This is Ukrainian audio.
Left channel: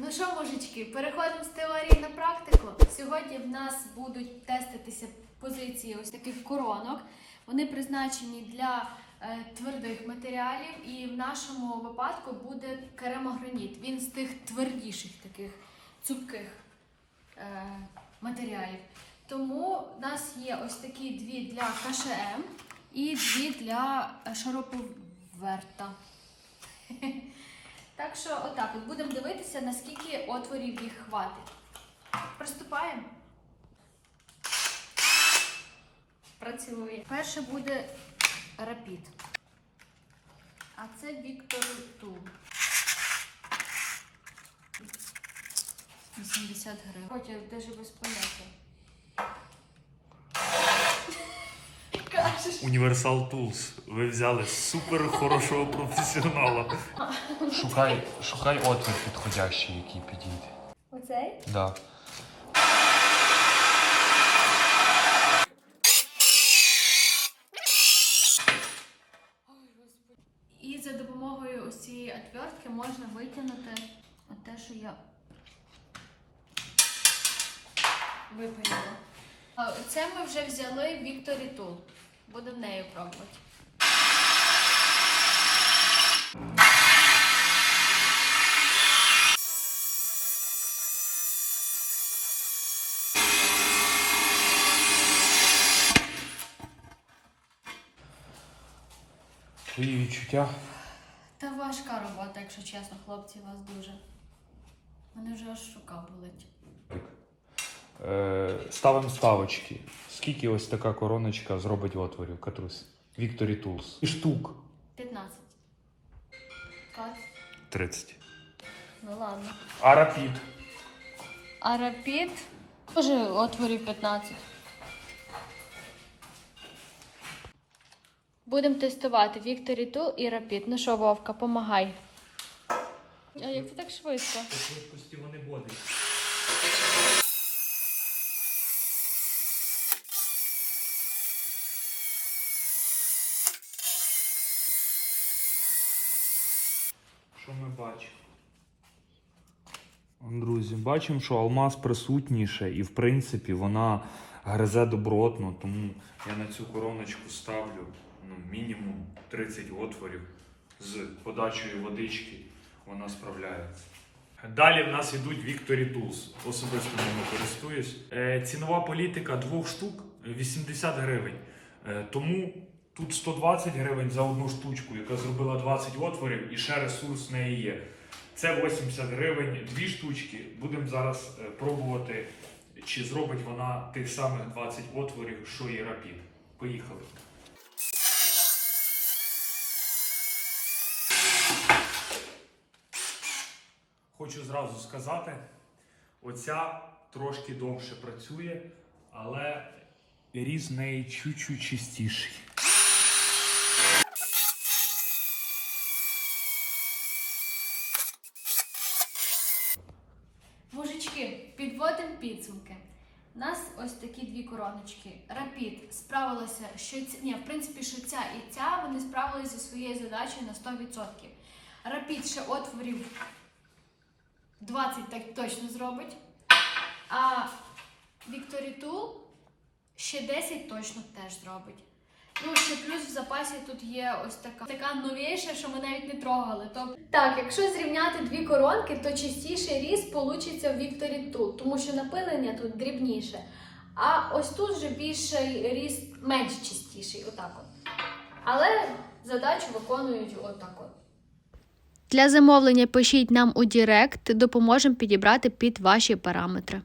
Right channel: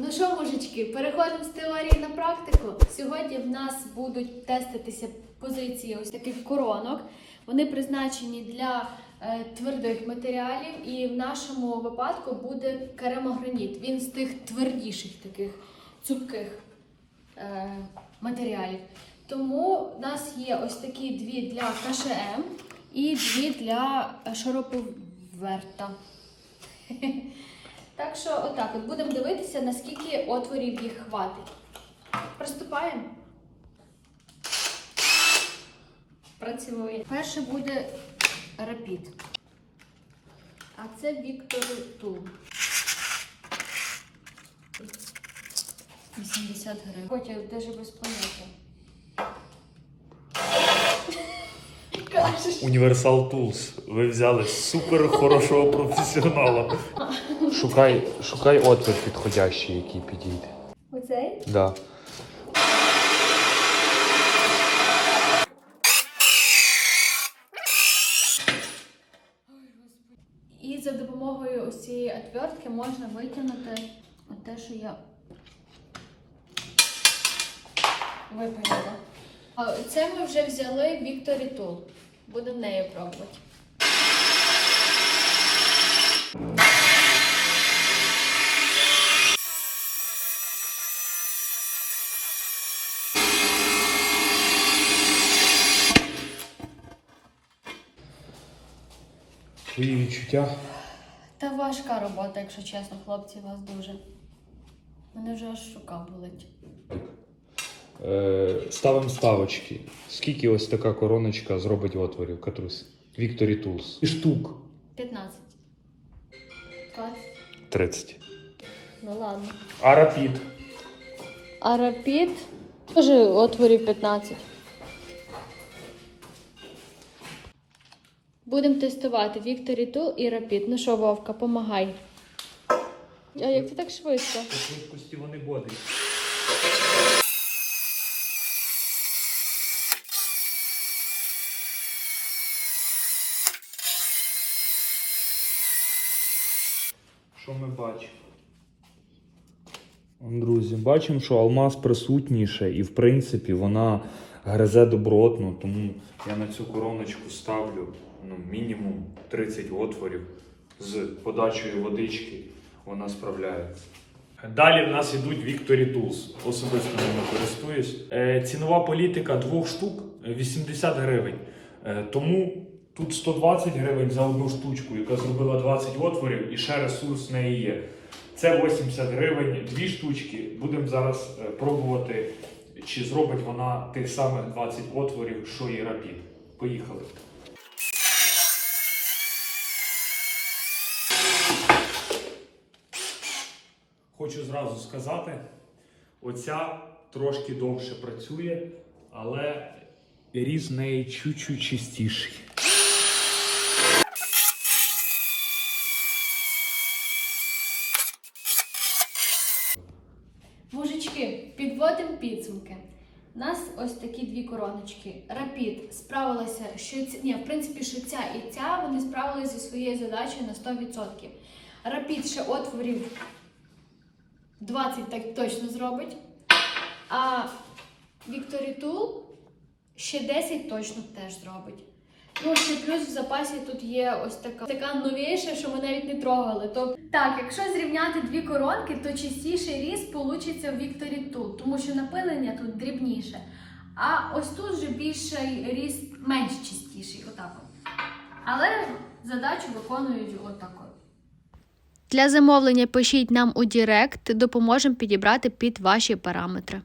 Ну що, мужички, переходимо з теорії на практику. Сьогодні в нас будуть теститися позиції ось таких коронок. Вони призначені для е, твердих матеріалів, і в нашому випадку буде керамограніт. Він з тих твердіших таких цупких е, матеріалів. Тому в нас є ось такі дві для КШМ і дві для шуруповерта. Так що, отак, от будемо дивитися, наскільки отворів їх хватить. Приступаємо. Працює. Перше буде рапід. А це Віктор Тул. 80 гривень. Хоча навіть без поняття. Universal Tools. Ви взяли супер хорошого професіонала. Шукай, шукай отвір підходящий, який підійде. Оцей? Да. І за допомогою ось цієї отвертки можна витягнути те, що я випаяла. Це ми вже взяли Victory Tool. Будемо нею пробувати. Твої відчуття. Та важка робота, якщо чесно, хлопці, вас дуже. Мене вже аж рука болить. Е, ставимо ставочки. Скільки ось така короночка зробить отворів, Катрусь? Victory Tools. І штук. 15. Клас. 30. Ну ладно. А рапід. А рапід? Теж отворів 15. Будемо тестувати Victory Tool і Rapid. Ну що, Вовка, помагай. А як ти так швидко? Швидкості вони бодить. Що ми бачимо? Друзі, бачимо, що алмаз присутніше, і в принципі вона гризе добротно, тому я на цю короночку ставлю ну, мінімум 30 отворів з подачею водички. Вона справляється. Далі в нас йдуть Victory Tools. Особисто ними користуюсь. Е, цінова політика двох штук 80 гривень. Е, тому тут 120 гривень за одну штучку, яка зробила 20 отворів, і ще ресурс в неї є. Це 80 гривень, дві штучки. Будемо зараз е, пробувати, чи зробить вона тих самих 20 отворів, що і рапід. Поїхали. Хочу зразу сказати, оця трошки довше працює, але різ неї чуть-чуть чистіший. Мужички, підводимо підсумки. У нас ось такі дві короночки. Рапід справилася, що. Ні, в принципі, що ця і ця вони справилися зі своєю задачею на 100%. Рапід ще отворів 20 так точно зробить. А Victory Tool ще 10 точно теж зробить. Ну, ще плюс в запасі тут є ось така така новіша, що ми навіть не трогали. То так, якщо зрівняти дві коронки, то чистіший різ получиться в Victory Tool, тому що напилення тут дрібніше. А ось тут вже більший різ менш чистіший, отак от. Але задачу виконують отак от. Для замовлення пишіть нам у Директ, допоможемо підібрати під ваші параметри.